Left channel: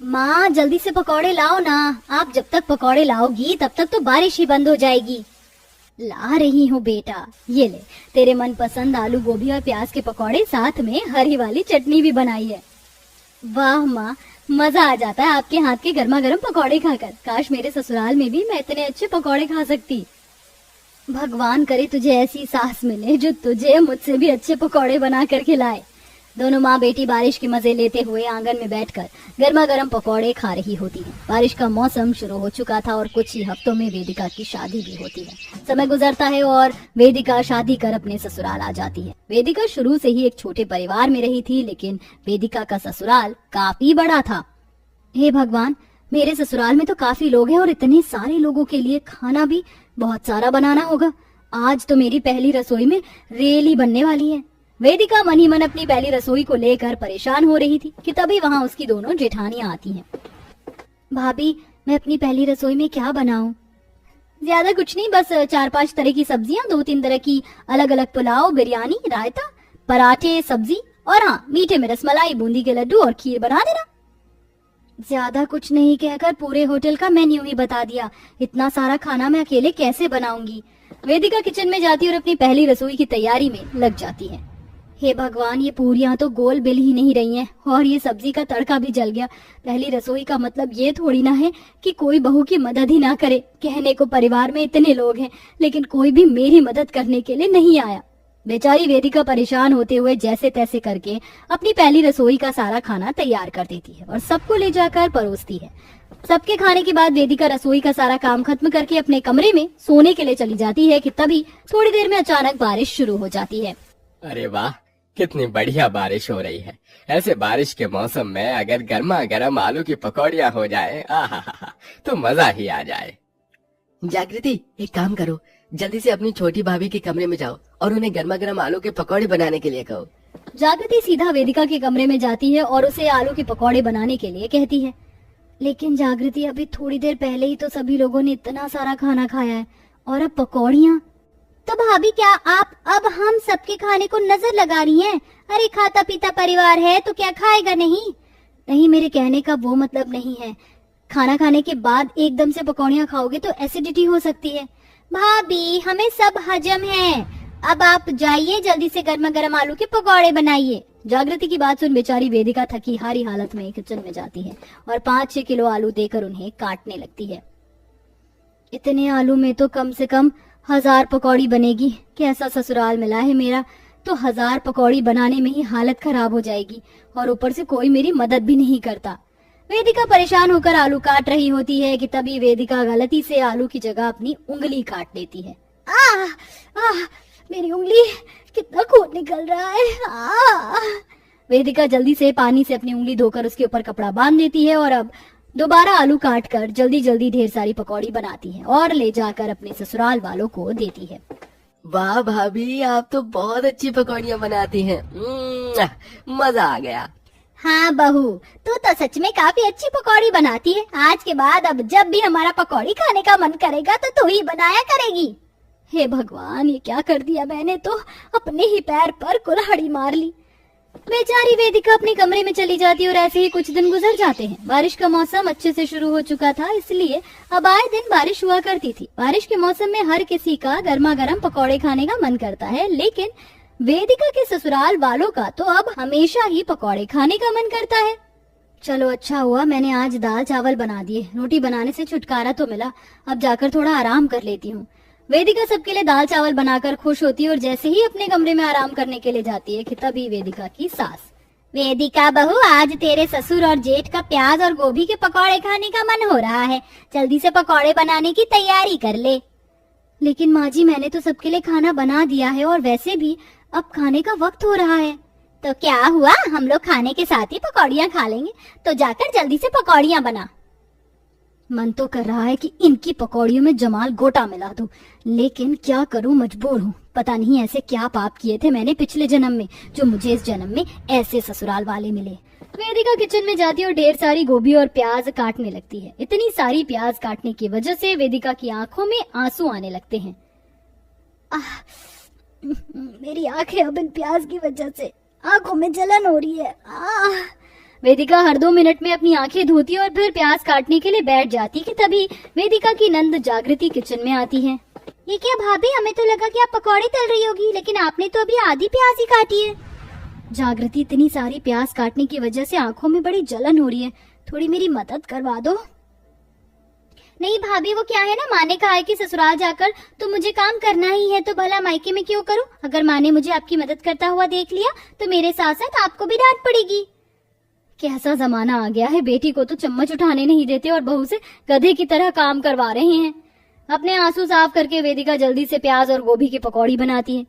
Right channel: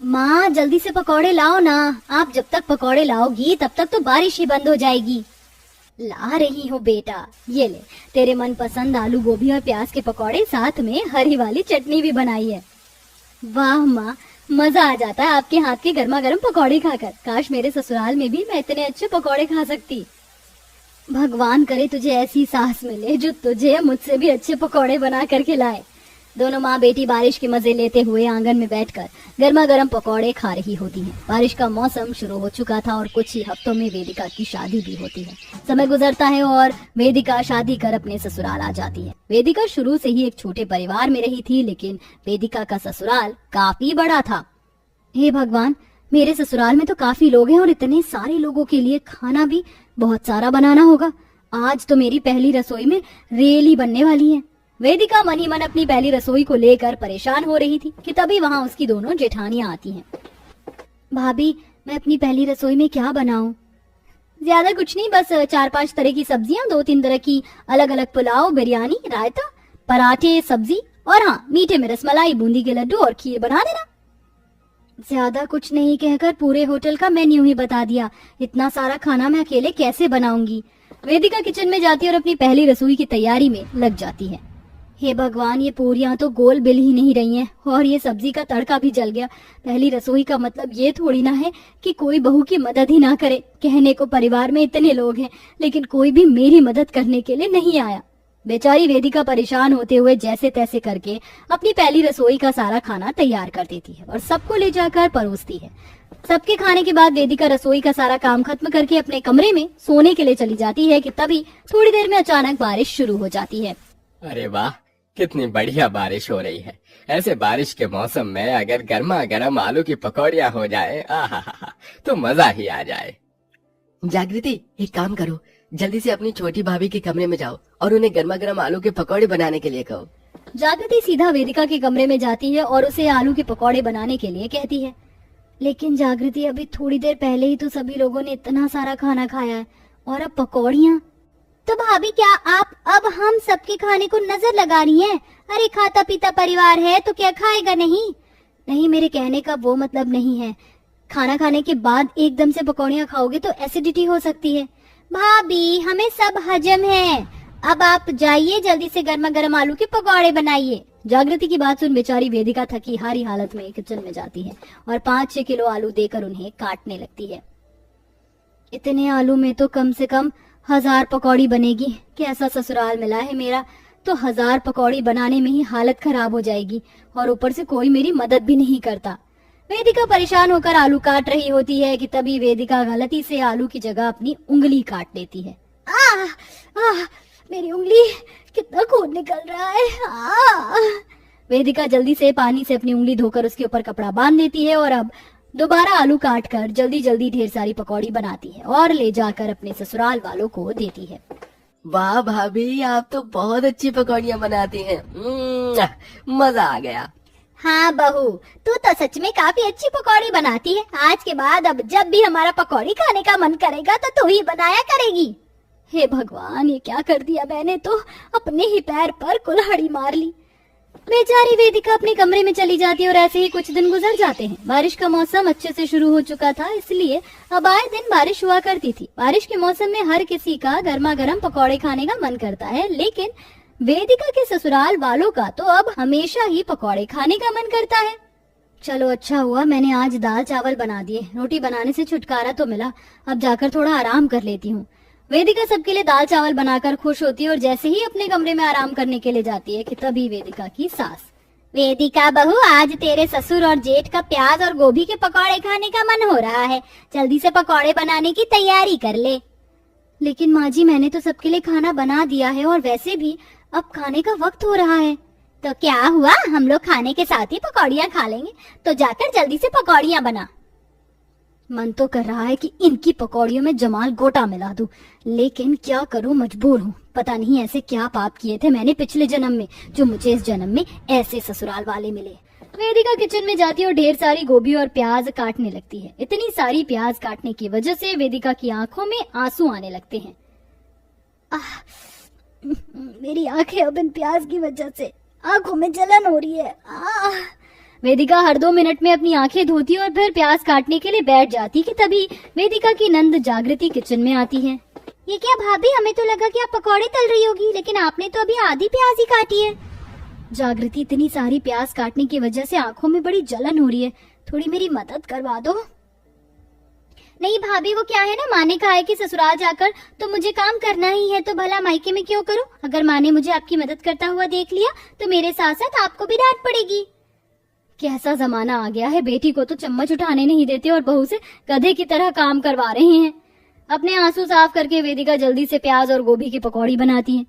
माँ जल्दी से पकौड़े लाओ ना। आप जब तक पकौड़े लाओगी तब तक तो बारिश ही बंद हो जाएगी। ला रही हूँ बेटा, ये ले तेरे मनपसंद आलू गोभी और प्याज के पकौड़े, साथ में हरी वाली चटनी भी बनाई है। वाह माँ, मजा आ जाता है आपके हाथ के गर्मा गर्म पकौड़े खाकर। काश मेरे ससुराल में भी मैं इतने अच्छे पकौड़े खा सकती। भगवान करे तुझे ऐसी सास मिले जो तुझे मुझसे भी अच्छे पकौड़े बना कर खिलाए। दोनों माँ बेटी बारिश के मजे लेते हुए आंगन में बैठकर गर्मा गर्म पकौड़े खा रही होती हैं। बारिश का मौसम शुरू हो चुका था और कुछ ही हफ्तों में वेदिका की शादी भी होती है। समय गुजरता है और वेदिका शादी कर अपने ससुराल आ जाती है। वेदिका शुरू से ही एक छोटे परिवार में रही थी, लेकिन वेदिका का ससुराल काफी बड़ा था। हे भगवान, मेरे ससुराल में तो काफी लोग हैं और इतने सारे लोगों के लिए खाना भी बहुत सारा बनाना होगा। आज तो मेरी पहली रसोई में रेली बनने वाली है। वेदिका मन ही मन अपनी पहली रसोई को लेकर परेशान हो रही थी कि तभी वहाँ उसकी दोनों जेठानियां आती हैं। भाभी, मैं अपनी पहली रसोई में क्या बनाऊं? ज्यादा कुछ नहीं, बस 4-5 तरह की सब्जियां, 2-3 तरह की अलग अलग पुलाव, बिरयानी, रायता, पराठे, सब्जी और हाँ, मीठे में रसमलाई, बूंदी के लड्डू और खीर बना देना। ज्यादा कुछ नहीं कहकर पूरे होटल का मेन्यू ही बता दिया। इतना सारा खाना मैं अकेले कैसे बनाऊंगी? वेदिका किचन में जाती और अपनी पहली रसोई की तैयारी में लग जाती है। हे भगवान, ये पूरियां तो गोल बिल ही नहीं रही हैं और ये सब्जी का तड़का भी जल गया। पहली रसोई का मतलब ये थोड़ी ना है कि कोई बहू की मदद ही ना करे। कहने को परिवार में इतने लोग हैं, लेकिन कोई भी मेरी मदद करने के लिए नहीं आया। बेचारी वेदिका परेशान होते हुए जैसे तैसे करके अपनी पहली रसोई का सारा खाना तैयार कर देती है और सबको ले जाकर परोसती है। सबके खाने के बाद वेदिका रसोई का सारा काम खत्म करके अपने कमरे में सोने के लिए चली जाती है कि तभी थोड़ी देर में अचानक बारिश शुरू हो जाती है। अरे वाह, कितनी बढ़िया बारिश हो रही है। ऐसे बारिश के मौसम में अगर गर्मा गर्म आलू की पकौड़ियाँ हो जाए, आहा तो मजा ही आ जाए। जागृति, एक काम करो, जल्दी से अपनी छोटी भाभी के कमरे में जाओ और उन्हें गर्मा गर्म आलू के पकौड़े बनाने के लिए कहो। जागृति सीधा वेदिका के कमरे में जाती है और उसे आलू के पकौड़े बनाने के लिए कहती है। लेकिन जागृति, अभी थोड़ी देर पहले ही तो सभी लोगों ने इतना सारा खाना खाया है और अब पकौड़ियाँ। तो भाभी, क्या आप अब हम सबके खाने को नजर लगा रही हैं? अरे खाता पीता परिवार है तो क्या खाएगा नहीं? नहीं, मेरे कहने का वो मतलब नहीं है। खाना खाने के बाद एकदम से पकौड़ियाँ खाओगे तो एसिडिटी हो सकती है। भाभी, हमें सब हजम है। अब आप जाइए, जल्दी से गर्मा गर्म आलू के पकौड़े बनाइए। जागृति की बात सुन बेचारी वेदिका थकी हारी हालत में किचन में जाती है और 5-6 किलो आलू देकर उन्हें काटने लगती है। इतने आलू में तो कम से कम 1000 पकौड़ी बनेगी। कैसा ससुराल मिला है मेरा, तो 1000 पकौड़ी बनाने में ही हालत खराब हो जाएगी और ऊपर से कोई मेरी मदद भी नहीं करता। वेदिका परेशान होकर आलू काट रही होती है कि तभी वेदिका गलती से आलू की जगह अपनी उंगली काट देती है। मेरी उंगली, कितना खून निकल रहा है। वेदिका जल्दी से पानी से अपनी उंगली धोकर उसके ऊपर कपड़ा बांध देती है और अब दोबारा आलू काट कर जल्दी जल्दी ढेर सारी पकौड़ी बनाती है और ले जाकर अपने ससुराल वालों को देती है। वाह भाभी, आप तो बहुत अच्छी पकौड़ियाँ बनाती हैं। मजा आ गया। हाँ बहू, तू तो सच में काफी अच्छी पकौड़ी बनाती है। आज के बाद अब जब भी हमारा पकौड़ी खाने का मन करेगा तो तू ही बनाया करेगी। हे भगवान, ये क्या कर दिया मैंने, तो अपने ही पैर पर कुल्हाड़ी मार ली। बेचारी वेदिका अपने कमरे में चली जाती है और ऐसे ही कुछ दिन गुजर जाते हैं। बारिश का मौसम अच्छे से शुरू हो चुका था, इसलिए अब आए दिन बारिश हुआ करती थी। बारिश के मौसम में हर किसी का गर्मा गर्म पकौड़े खाने का मन करता है, लेकिन वेदिका के ससुराल वालों का तो अब हमेशा ही पकौड़े खाने का मन करता है। चलो अच्छा हुआ मैंने आज दाल चावल बना दिए, रोटी बनाने से छुटकारा तो मिला। अब जाकर थोड़ा आराम कर लेती हूँ। वेदिका सबके लिए दाल चावल बनाकर खुश होती है और जैसे ही अपने कमरे में आराम करने के लिए जाती है कि तभी वेदिका की सास, वेदिका बहू, आज तेरे ससुर और जेठ का प्याज और गोभी के पकौड़े खाने का मन हो रहा है, जल्दी से पकौड़े बनाने की तैयारी कर ले। लेकिन माँ जी, मैंने तो सबके लिए खाना बना दिया है और वैसे भी अब खाने का वक्त हो रहा है। तो क्या हुआ, हम लोग खाने के साथ ही पकौड़ियाँ खा लेंगे, तो जाकर जल्दी से पकौड़ियाँ बना। मन तो कर रहा है कि इनकी पकौड़ियों में जमाल गोटा मिला दूं, लेकिन क्या करूं, मजबूर हूं। पता नहीं ऐसे क्या पाप किए थे मैंने पिछले जन्म में, जो मुझे इस जन्म में ऐसे ससुराल वाले मिले। वेदिका किचन में जाती है और ढेर सारी गोभी और प्याज काटने लगती है। इतनी सारी प्याज काटने की वजह से वेदिका की आंखों में आंसू आने लगते हैं। मेरी आंखें अब इन प्याज की वजह से आंखों में जलन हो रही है। वेदिका हर 2 मिनट में अपनी आंखें धोती और फिर प्याज काटने के लिए बैठ जाती कि तभी वेदिका की नंद जागृति किचन में आती है। ये क्या भाभी, हमें तो लगा कि आप पकौड़े तल रही होगी, लेकिन आपने तो अभी आधी प्याज ही काटी है। जागृति, इतनी सारी प्याज काटने की वजह से आंखों में बड़ी जलन हो रही है, थोड़ी मेरी मदद करवा दो। नहीं भाभी, वो क्या है ना, माँ ने कहा है कि ससुराल जाकर तो मुझे काम करना ही है, तो भला मायके में क्यों करूं? अगर माँ ने मुझे आपकी मदद करता हुआ देख लिया तो मेरे साथ साथ आपको भी डांट पड़ेगी। कैसा जमाना आ गया है, बेटी को तो चम्मच उठाने नहीं देते और बहू से गधे की तरह काम करवा रहे हैं। अपने आंसू साफ करके वेदिका जल्दी से प्याज और गोभी की पकौड़ी बनाती है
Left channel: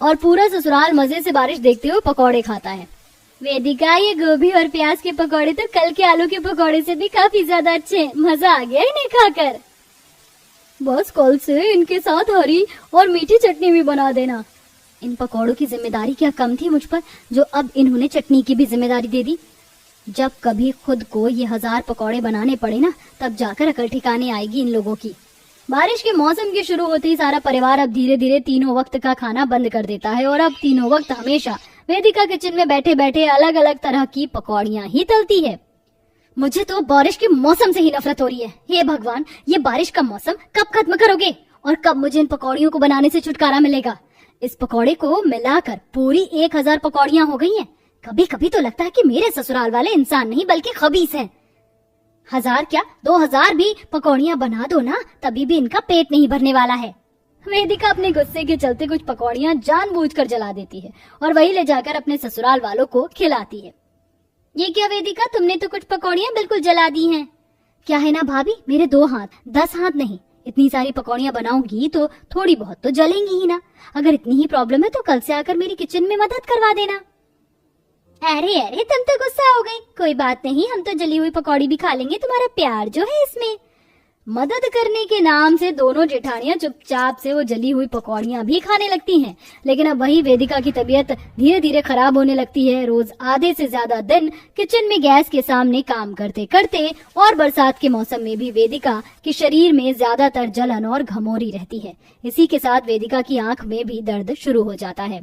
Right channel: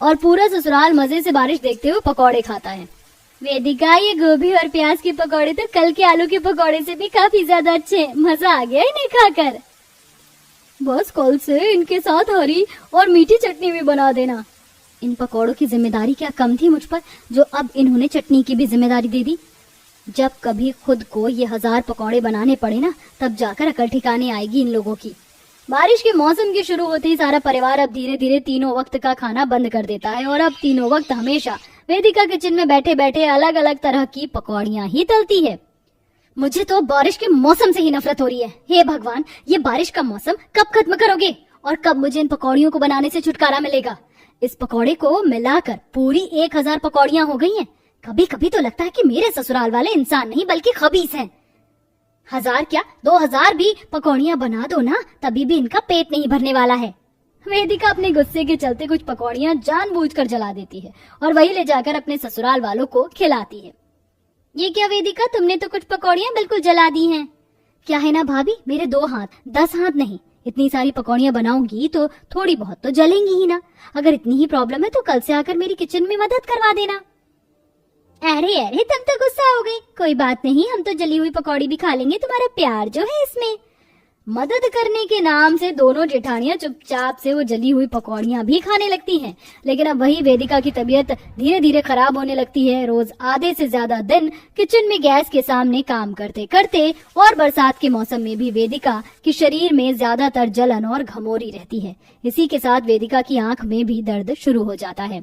और पूरा ससुराल मजे से बारिश देखते हुए पकौड़े खाता है। वेदिका, ये गोभी और प्याज के पकौड़े तो कल के आलू के पकौड़े से भी काफी ज्यादा अच्छे, मजा आ गया इन्हें खाकर। बस कल से इनके साथ हरी और मीठी चटनी भी बना देना। इन पकौड़ों की जिम्मेदारी क्या कम थी मुझ पर, जो अब इन्होंने चटनी की भी जिम्मेदारी दे दी। जब कभी खुद को ये 1000 पकौड़े बनाने पड़े ना, तब जाकर अकल ठिकाने आएगी इन लोगों की। बारिश के मौसम के शुरू होते ही सारा परिवार अब धीरे धीरे तीनों वक्त का खाना बंद कर देता है और अब तीनों वक्त हमेशा वेदिका किचन में बैठे बैठे अलग अलग तरह की पकौड़ियां ही तलती है। मुझे तो बारिश के मौसम से ही नफरत हो रही है। हे भगवान, ये बारिश का मौसम कब खत्म करोगे और कब मुझे इन पकौड़ियों को बनाने से छुटकारा मिलेगा? इस पकौड़े को मिलाकर पूरी 1000 पकौड़ियां हो गई हैं। कभी कभी तो लगता है कि मेरे ससुराल वाले इंसान नहीं बल्कि खबीस हैं। 1000 क्या 2000 भी पकौड़ियां बना दो ना, तभी भी इनका पेट नहीं भरने वाला है। वेदिका अपने गुस्से के चलते कुछ पकौड़ियां जानबूझकर जला देती है और वही ले जाकर अपने ससुराल वालों को खिलाती है। ये क्या वेदिका, तुमने तो कुछ पकौड़ियां बिल्कुल जला दी हैं। क्या है ना भाभी, मेरे 2 हाथ 10 हाथ नहीं, इतनी सारी पकौड़ियां बनाऊंगी तो थोड़ी बहुत तो जलेंगी ही ना। अगर इतनी ही प्रॉब्लम है तो कल से आकर मेरी किचन में मदद करवा देना। अरे अरे, तुम तो गुस्सा हो गई। कोई बात नहीं, हम तो जली हुई पकौड़ी भी खा लेंगे, तुम्हारा प्यार जो है इसमें। मदद करने के नाम से दोनों जेठानियां चुपचाप से वो जली हुई पकौड़ियां भी खाने लगती हैं। लेकिन अब वही वेदिका की तबीयत धीरे धीरे खराब होने लगती है। रोज आधे से ज्यादा दिन किचन में गैस के सामने काम करते करते और बरसात के मौसम में भी वेदिका के शरीर में ज्यादातर जलन और घमौरी रहती है। इसी के साथ वेदिका की आंख में भी दर्द शुरू हो जाता है।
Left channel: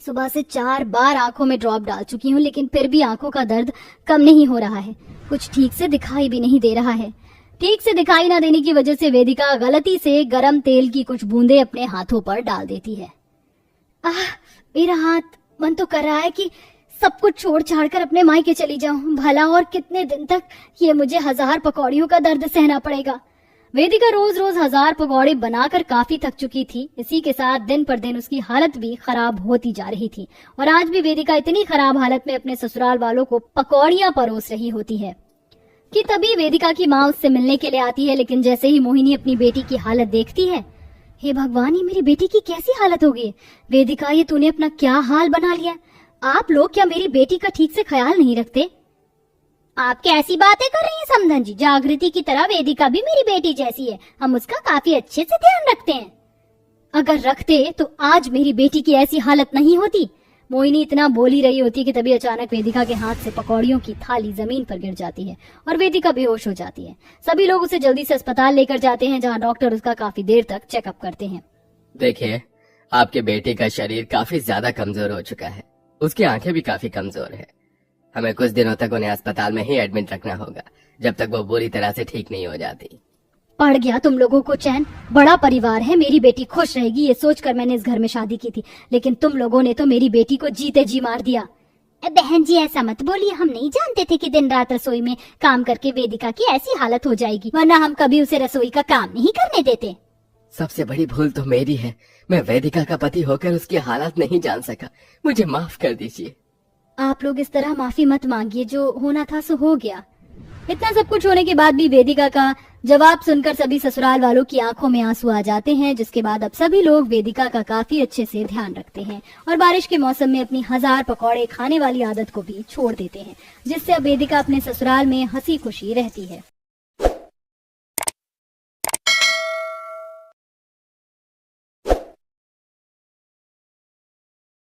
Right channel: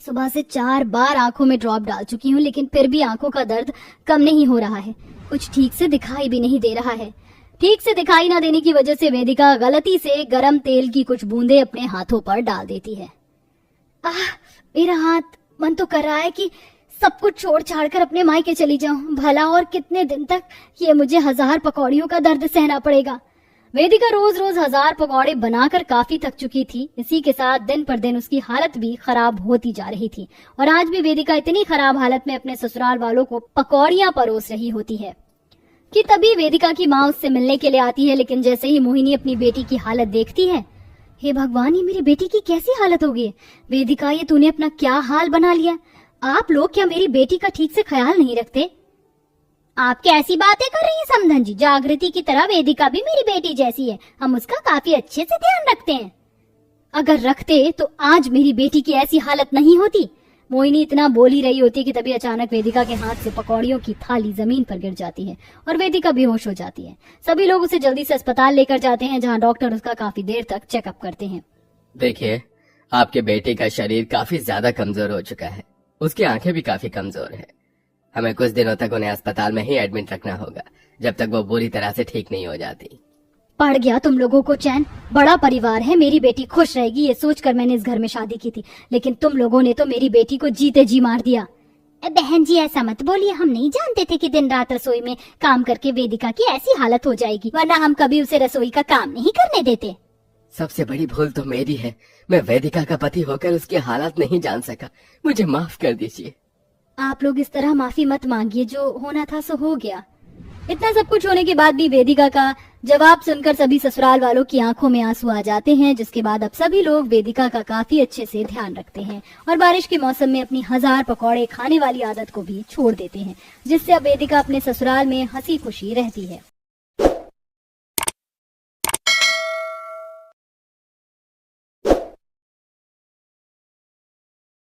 सुबह से 4 बार आंखों में ड्रॉप डाल चुकी हूँ, लेकिन फिर भी आंखों का दर्द कम नहीं हो रहा है। कुछ ठीक से दिखाई भी नहीं दे रहा है। ठीक से दिखाई न देने की वजह से वेदिका गलती से गरम तेल की कुछ बूंदे अपने हाथों पर डाल देती है। मेरा हाथ, मन तो कर रहा है कि सब कुछ छोड़ छाड़ कर अपने मायके चली जाऊं। भला और कितने दिन तक ये मुझे 1000 पकौड़ियों का दर्द सहना पड़ेगा। वेदिका रोज रोज 1000 पकौड़े बनाकर काफी थक चुकी थी। इसी के साथ दिन पर दिन उसकी हालत भी खराब होती जा रही थी और आज भी वेदिका इतनी खराब हालत में अपने ससुराल वालों को पकौड़ियां परोस रही होती है कि तभी वेदिका की माँ उससे मिलने के लिए आती है। लेकिन जैसे ही मोहिनी अपनी बेटी की हालत देखती है, हे भगवान, ये मेरी बेटी की कैसी हालत हो गई। वेदिका, ये तूने अपना क्या हाल बना लिया। आप लोग क्या मेरी बेटी का ठीक से ख्याल नहीं रखते? आप कैसी बातें कर रही हैं समधन जी? जागृति की तरह वेदिका भी मेरी बेटी जैसी है, हम उसका काफी अच्छे से ध्यान रखते हैं। अगर रखते तो आज मेरी बेटी की ऐसी हालत नहीं होती। मोहिनी इतना बोल ही रही होती कि तभी अचानक वेदिका के हाथ से पकौड़ियों की थाली जमीन पर गिर जाती है और वेदिका बेहोश हो जाती है। सभी लोग उसे जल्दी से अस्पताल लेकर जाते हैं, जहां डॉक्टर उसका काफी देर तक चेकअप करते हैं। देखिए, आपके बेटे का शरीर काफी ज्यादा कमजोर हो चुका है। उसकी आंखें भी काफी कमजोर है। हमें कुछ दिनों तक उन्हें अस्पताल में ही एडमिट रखना होगा, जब तक वो पूरी तरह से ठीक नहीं हो जाती। पड़ गया तुम लोगों को चैन। बड़ा परिवार है, मेरी बेटी खुश रहेगी ये सोचकर मैंने इस घर में शादी की थी, लेकिन तुम लोगों ने तो मेरी बेटी को जीते जी मार दिया। बहन जी, ऐसा मत बोलिए, हम नहीं जानते थे कि दिन रात रसोई में काम करके वेदिका की ऐसी हालत हो जाएगी, वरना हम कभी उसे रसोई का काम नहीं करने देते। सबसे बड़ी भूल तो मेरी है। मैं वेदिका का पति होकर उसकी हालत नहीं जान सका। मुझे माफ कर दीजिए। आप लोग इस तरह माफी मत मांगिए, जो होना था सो हो गया। इतना सब कुछ होने के बाद भी वेदिका का जवाब सुनकर सभी ससुराल वालों की आंखों में आंसू आ जाते हैं, जिसके बाद अब सभी लोग वेदिका का काफी अच्छे से ध्यान रखते हैं और बारिश के मौसम में अपनी 1000 पकौड़े खाने वाली आदत को भी छोड़ देते हैं, जिससे अब वेदिका अपने ससुराल में हंसी खुशी रहती है।